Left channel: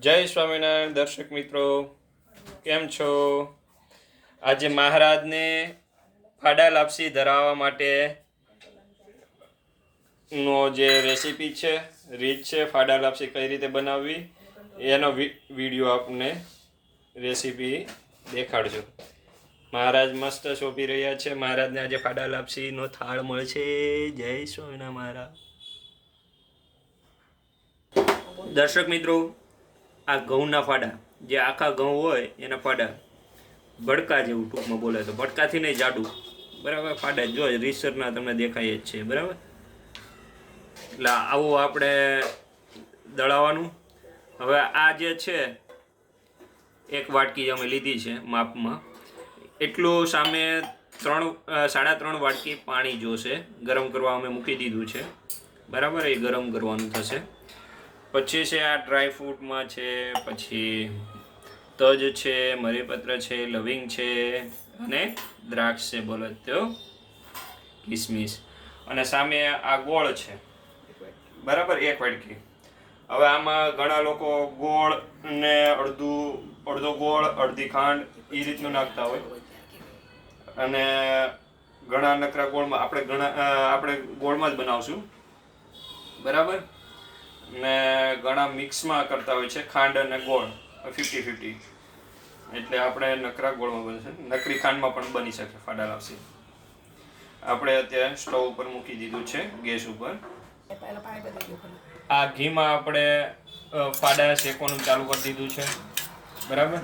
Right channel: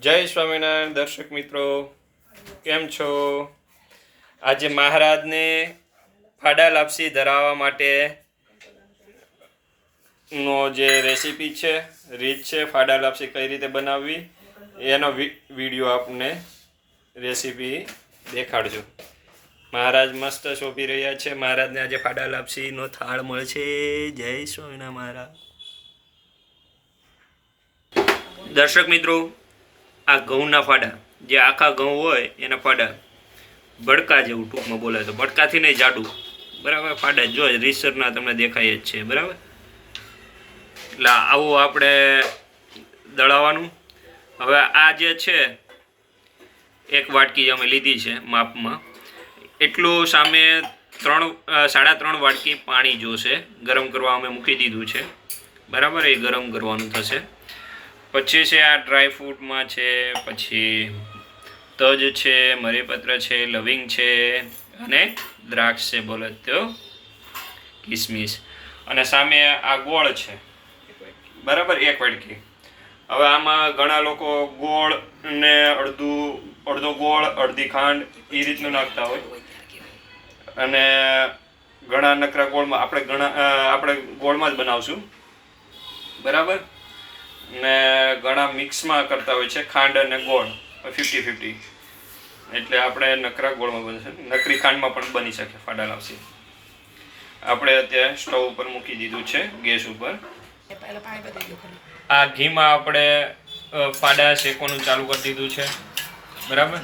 જય સ્વામિનારાયણ, દર્શક મિત્રો. કેમ છો? આજે મહારાજને ફાડા લાપસી ધરાવવા માટે નો જે રેસીપી છે, રીત છે, ફાડા લાપસી કઈ રીતે બનાવવી, એનો વીડિયો આપને રેસીપી દેખાડજો. મહારાજ મસ્ત શોભી રહ્યા છે. મહારાજને આજે ફાડા લાપસીનો થાળ મળશે જય સ્વામિનારાયણ મહારાજ. દર્શક મિત્રો આ ઘઉંના ફાડા, જે આખા ઘઉં હોય એના ફાડા ભડકા જેવું ટૂંકમાં બોલે તો. ભડકાથી નહીં, જાડું. બરાબર? ફાડા જો, રીસરના તમને દેખાય જ છે. બરાબર? એટલે આવું આપણે દળાવવાનું. હવે આ જે છે, એક વાટકી અમે લીધી છે માપમાં, એટલું સામે ત્રણ સાડા ત્રણ વાટકી પાણી જોશે. ગરમ કરવા અમે મૂકી દીધું છે. બરાબર? એ ગરમ કરવાનું થશે. પછી છે આ ડ્રાય ફ્રૂટમાં છે, પછી તજ છે, મરીપત્ર છે, લવિંગ છે અને દ્રાક્ષ છે, બોલો તો. કિસમિસ. અને સામે આ ગોળ છે. બરાબર? એક વાટકી હવે આમાં ઘણા લોકો ગોળ ને અડધું, અડધો ગોળ, અડધી ખાંડ એ રીતનું નાખતા હોય. અને ઘણા નકરા ગોળમાં, આપણે ઘણા આપણે ગોળમાં જ બનાવશું. બરાબર? ને ઘણા મિક્સમાં કરતા હોય છે ખાંડ અને ગોળ ફિફ્ટી ફિફ્ટી એટલે આપણે નકરા ગોળમાં બનશે. નકરી ખાંડમાં પણ બની શકે ફાડા લાવશે. આપણે અત્યારે સ્ટવ ઉપર મૂકી દીધું છે ગેસ ઉપર. આ ઘીમાં આપણે ફાડા શેકવાનું ચાલુ કરી દીધું છે. બરાબર?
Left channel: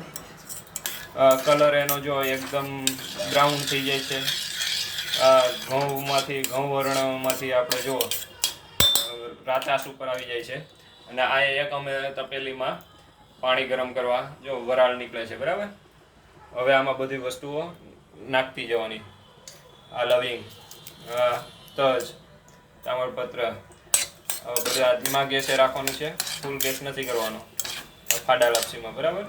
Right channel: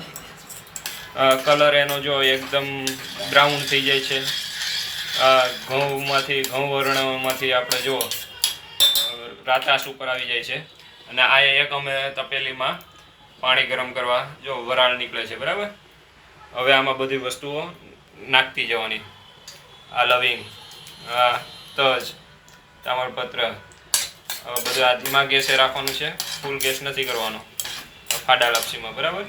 કલર એનો જો એકદમ બ્રાઉન થઈ જાય છે. આ ઘઉંમાંથી ઘઉં વર્ણમાંથી આપણે જો અ, ઉપર આવી જાય છે. અને આ એક અમે તપેલીમાં પાણી ગરમ કરવા જો વરાળ નીકળે છે બરાબર? હવે આમાં બધી વસ્તુઓ નાખતી જવાની. આ લવિંગ આ તજ તામરપત્ર બધું ધીમા ગેસે રાખવાનું છે. ફૂલ ગેસ નથી કરવાનો. ફાડા લપસીમાં બરાબર?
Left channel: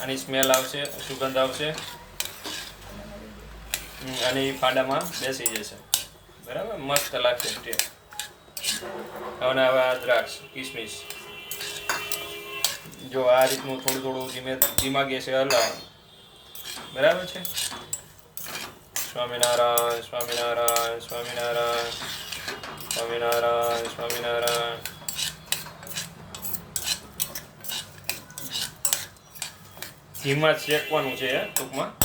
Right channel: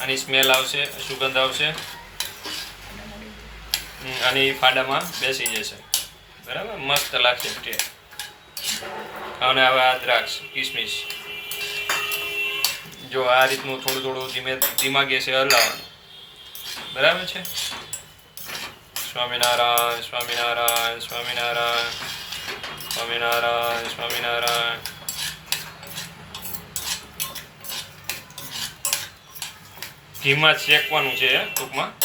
આની સ્મેલ આવશે સુગંધ આવશે. આની ફાડામાં બેસી જશે. બરાબર? મસ્ત લાગશે ટેસ્ટ અને હવે આ દ્રાક્ષ, કિસમિસ. જો આ રીતનું થોડું થોડું ધીમે ધીમા ગેસે હલાવવાનું. બરાબર છે? સ્વામિનારાયણ સ્વામિનારાયણ સ્વામિનારાયણ સ્વામિનારાયણ સ્વામિનારાયણ. ધીમા શેકવાનું છે ટૂંકમાં.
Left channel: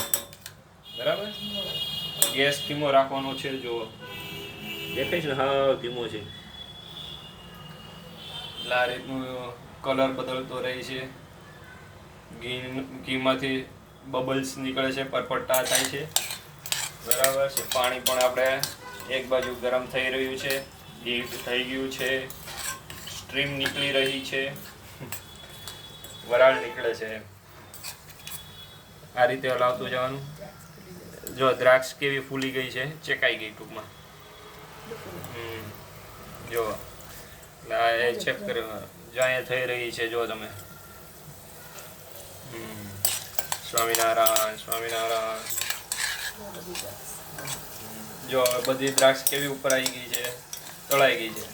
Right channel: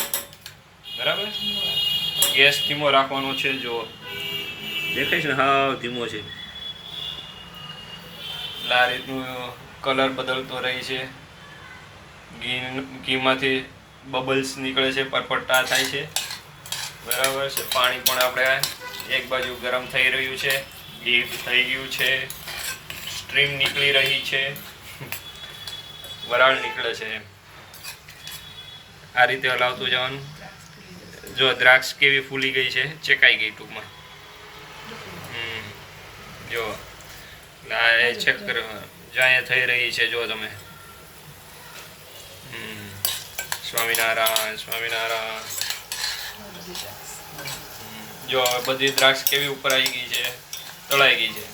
બરાબર ગેસ ધીમો રાખવાનો છે જો દેખાય છે ને? હા, ધીમો છે. રીતનું કલર બદલતો રહે છે. ઘી, ઘીમાંથી બબલ્સ નીકળે છે, પરપટ્ટા થાય છે. બરાબર છે, પાણી પણ આપણે એક બાજુ ગરમ થઈ રહ્યું છે, ઘી થઈ ગયું છે, સ્ટ્રીમ નીકળી રહી છે, વરાળ નીકળે છે. આ રીતે હલાવતું જવાનું. જો દ્રાક્ષ કેવી ફૂલી ગઈ છે, ચેકાઈ ગઈ ટૂંકમાં. જો. એટલે આ જ્યાં થઈ રહી છે, જો તમે. સ્વામિનારાયણ સ્વામિનારાયણ. જો હવે બધી દ્રાક્ષ કેવી ઉપર આવી ગઈ છે, તળાઈ ગઈ છે.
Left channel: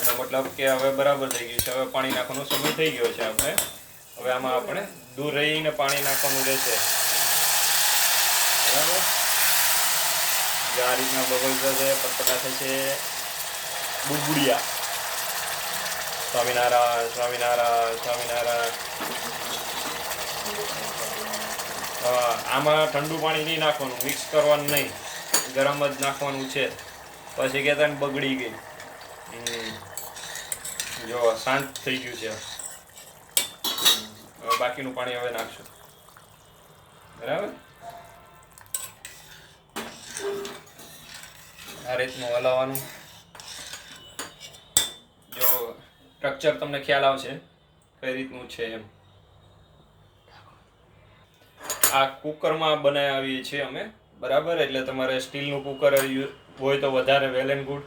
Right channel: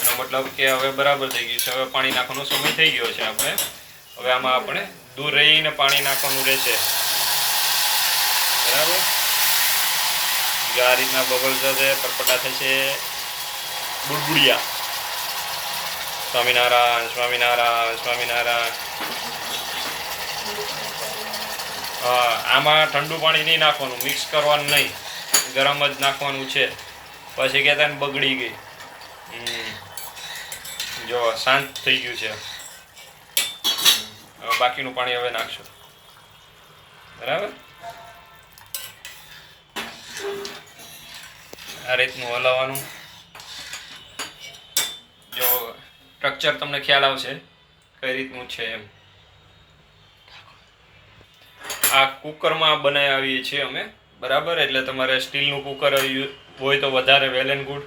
એનો મતલબ કે હવે બરાબર થઈ ગયું છે. હવે પાણી નાખવાનો સમય થઈ ગયો છે આપણે. હવે આમાં આપણે દૂર રહીને પાણી નાખવાનું રહેશે. બરાબર? જો આ રીતના બબલ્સ થશે પટપટા થશે. બુડબુડિયા. સ્વામિનારાયણ સ્વામિનારાયણ સ્વામિનારાયણ આમાં ઠંડુ પાણી નહીં નાખવાનું મિક્સ કરવાનું નહીં. ગરમ જ નાખવાનું છે. પછી કહેતા ને બગડી ગઈ. જો, શાંત થઈ ગયું છે. બાકીનું પાણી હવે નાખશો. બરાબર? આ રીતનું હલાવવાનું. જો સ્ટ્રક્ચર તમને ખ્યાલ આવશે કઈ રીતનું છે એમ. આ કુકરમાં બનાવીએ છીએ અમે, બરાબર? એટલે તમારે સ્ટીલનું કુકર હોય તો વધારે વેલ એન્ડ ગુડ,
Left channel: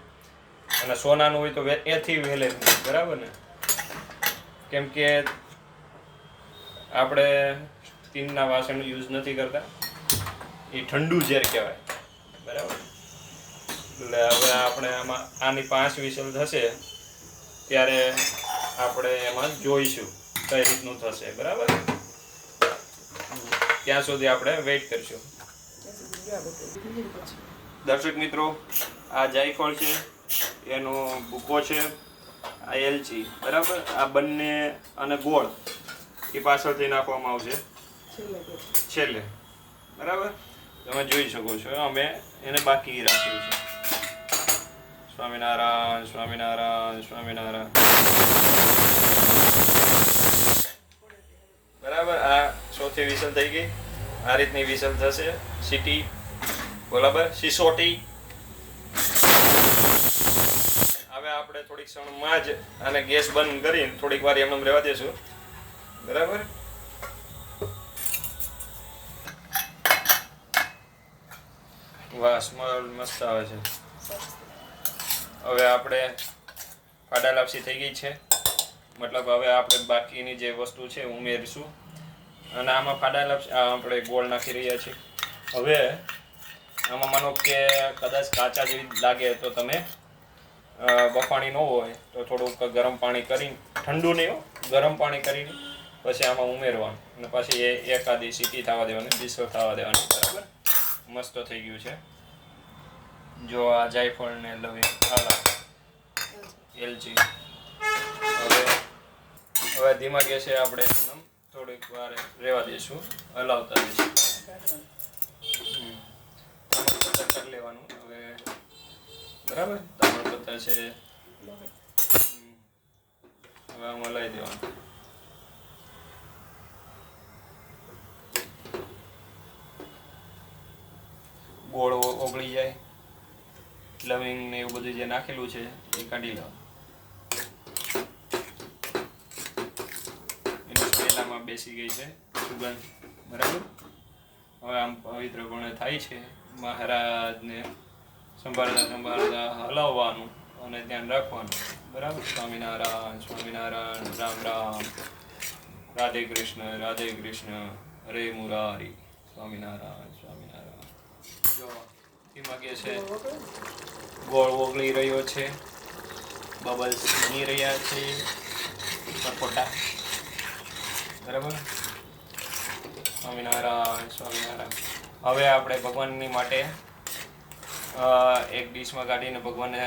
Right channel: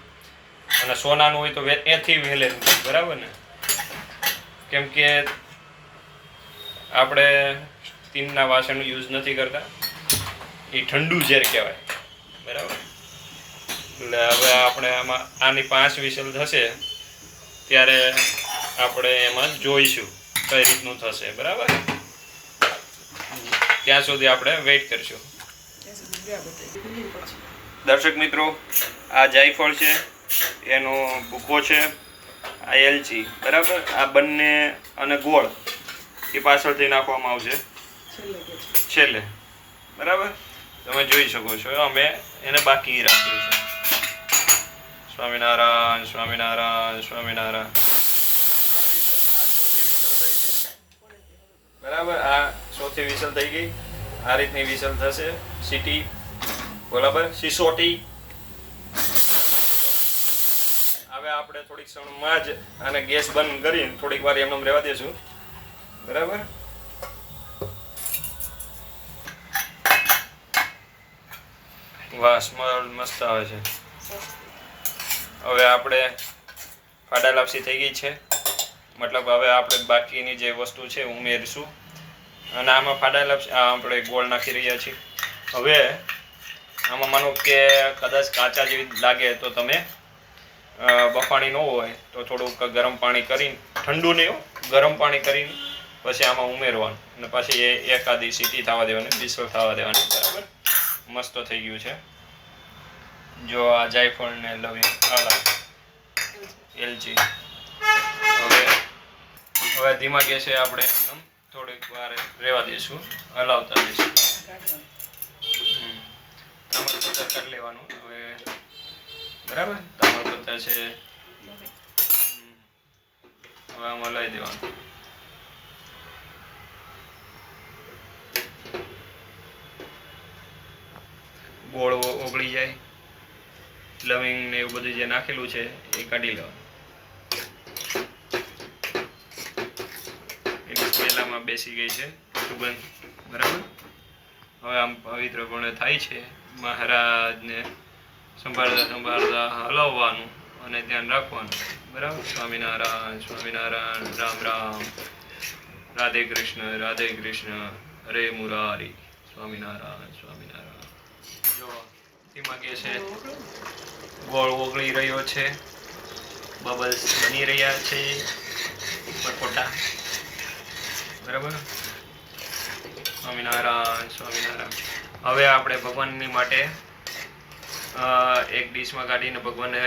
અને સોનાનું હોય તો એથી વેલ એન્ડ ગુડ, બરાબર ને? કેમ કે આપણે સ્ટીલના વાસણ યુઝ નથી કરતા. એ ઠંડુ ઝેર કહેવાય, બરાબર? એટલે હવે આપણે આમાં આની પાંચ વિસલ થશે. ત્યારે આપણે એમાં જોઈશું કઈ રીતનું થશે, બરાબર? ત્યાં સુધી આપણે વેઇટ કરશું. દર્શક મિત્રો, આ જાયફળ છે, એનો ભૂકો છે, આ એલચી, બરાબર? આ બંને અને ગોળ એ પાછળથી નાખવામાં આવશે. છેલ્લે. બરાબર? તમે જોઈ શકો છો, અમે એને બાકી રાખ્યું છે સ્વામિનારાયણ સ્વામિનારાયણ સ્વામિનારાયણ બરાબર, આ સૌથી વિસલ થઈ ગઈ. આ રીતની વિસલ થશે. સિટી બરાબર સિસોટી હવે આપણે થોડીક ક્ષણમાં જ આને ગેસ બંધ કરીને થોડીક વાર એમને રહેવા દેશું. બરાબર? સ્મેલ મસ્ત આવે છે. હવે આપણે ફાડા લાપસી થઈ ગઈ છે. મતલબ હવે આપણે બાકીની જે વસ્તુ છે ઉમેરીશું. અને આમાં ફાડા લાપસી આપણે ગોળ નાખી રહ્યા છીએ. હવે આમાં માનો કે કદાચ કાચા જેવી લાગે તો તમે બફાણી ન હોય તો થોડુંક ગરમ પાણી કરીને ઠંડુ નહીં ગરમ પાણી કરીને પછી આમાં ઉમેરવાનું. અને પછી એ એકાદી સીટી થવા દેવાની, બિસલ થવા દેવાની, બરાબર? મસ્ત થઈ ગયું છે. જો આ જાયફળ ને લવિંગ આલા એલચી હવે હવે ધીમા ગેસે આપણે એમ થોડીક વાર રહેવા દઈશું હલાવતા દઈશું હમ. કરી લેવાનું. હવે, બરાબર? તામરપત્ર છે. હવે આમાં લઈ દેવાનું. ગોળ ઓગળી જાય. લવિંગ ને એવું બધું જે નાખેલું છે, એ કાઢી લેવાનું. એની પહેલામાં બેસી ગઈ છે, સુગંધ, બરાબર? હવે આમ પવિત્રપણે થાય છે, મહારાજને સંભાળતા સંભાળતા હલાવવાનું અને ધ્યાન રાખવાનું, બરાબર? સ્વામિનારાયણ સ્વામિનારાયણ, રામ રામ, રાધે કૃષ્ણ રાધે કૃષ્ણ, હરે મુરારી, સ્વામિનારાયણ સ્વામિનારાયણ. જો ધીમા કે છે. ગોળ ઓગળી રહ્યો છે. બબલ્સ બની રહ્યા છે. પરપોટા. બરાબર? સ્વામિનારાયણ સ્વામિનારાયણ. હવે આપણે ભગવાનની માટે એક ડીશમાં કાઢીને ભગવાનને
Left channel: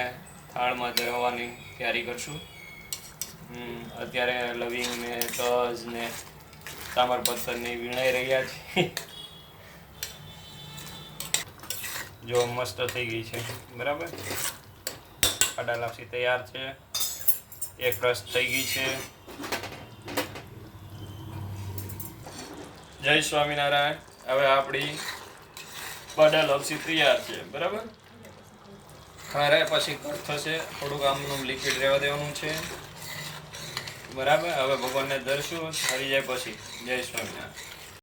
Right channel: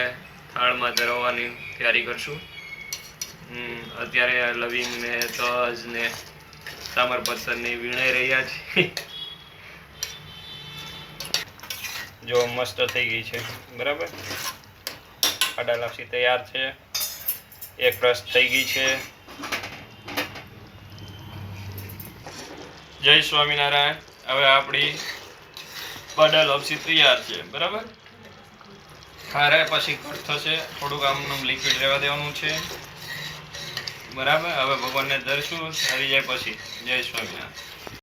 થાળમાં ધરવાની તૈયારી કરશું. અત્યારે લવિંગ ને તજ ને તામરપત્તરની વીણાઈ રહ્યા છે. જો મસ્ત થઈ ગઈ છે. બરાબર? આડા લાપસી તૈયાર છે. એક રસ થઈ ગઈ છે. જય સ્વામિનારાયણ. હવે આપણી બડા લપસી તૈયાર છે. બરાબર? ખારે પછી કટ થશે. થોડુંક આમનું લિક્વિડ રહેવા દેવાનું છે. બરાબર? હવે ભગવાનને ધરશું હરી જાય પછી. જય સ્વામિનારાયણ.